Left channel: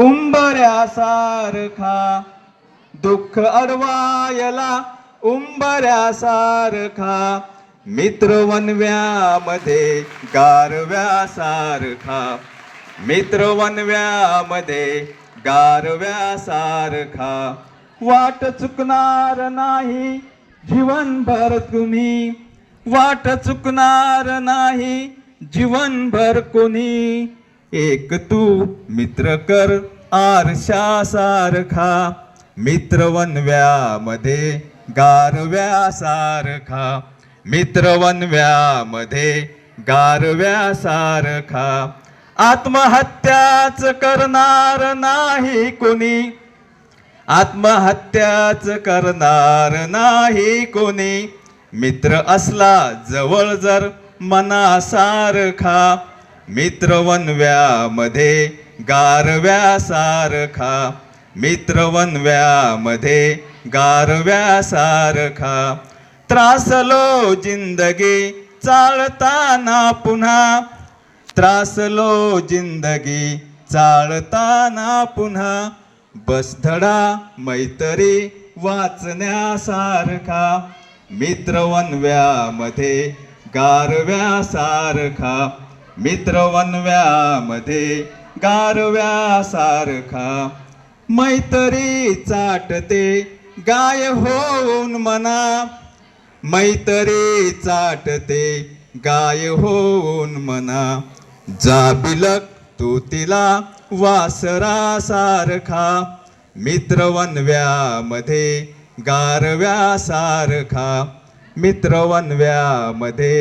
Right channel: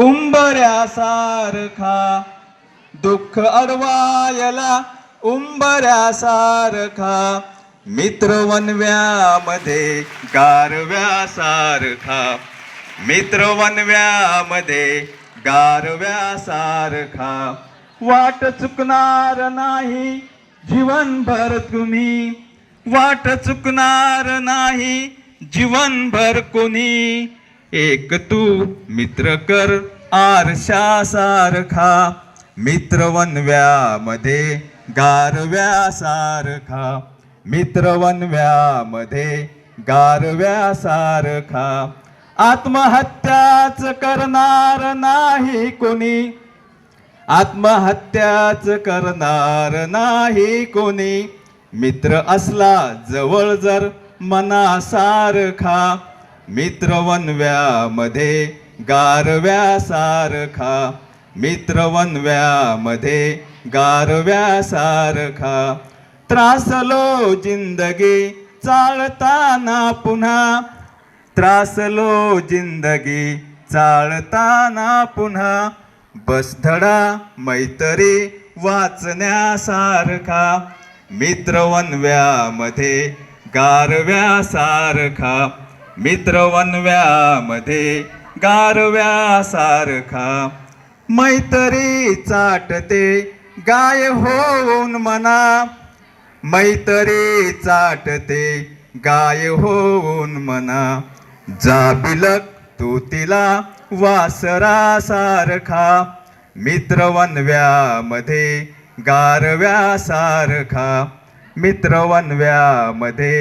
उंबऱ्यासारखा दुःख अडवायला उंबऱ्यासारखा मित्र वनव्यामध्ये गारव्यासारखा मित्र वनव्यामध्ये गारव्यासारखा वाट चुकणार नाही जीवनभर तुम्ही वाट चुकणार नाही जीवनभर कोणी एक तू मित्र कर आरशासारखा मित्र वनव्यामध्ये गारव्यासारखा मित्र वनव्यामध्ये गारव्यासारखा आत्महत्याच करणार नाही कोणी आत्महत्याच करणार नाही कोणी मित्र असला जवळ जर मनासारखा मित्र वनव्यामध्ये गारव्यासारखा मित्र वनव्यामध्ये गारव्यासारखा त्रासलो जिंदगी चालताना पुन्हा त्रासलो जिंदगी चालताना पुन्हा बसधडा मैत्री वाचण्यासारखा मित्र वनव्यामध्ये गारव्यासारखा मित्र वनव्यामध्ये गारव्यासारखा मैत्री चाटते गाय होऊन मना मैत्री चाटते गाय होऊन मना जाबिलक तू तिला वासरासारखा मित्र वनव्यामध्ये गारव्यासारखा मित्र वनव्यामध्ये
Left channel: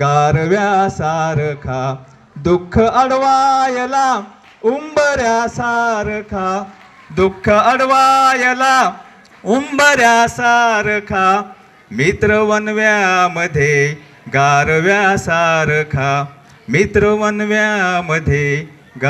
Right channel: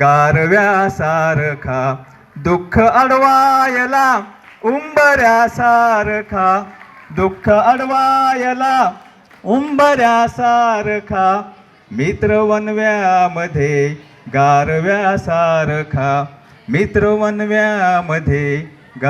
गारव्यासारखा दुःख अडवायला उंबऱ्यासारखा दुःख अडवायला उंबऱ्यासारखा मित्र वनव्यामध्ये गारव्यासारखा मित्र वनव्यामध्ये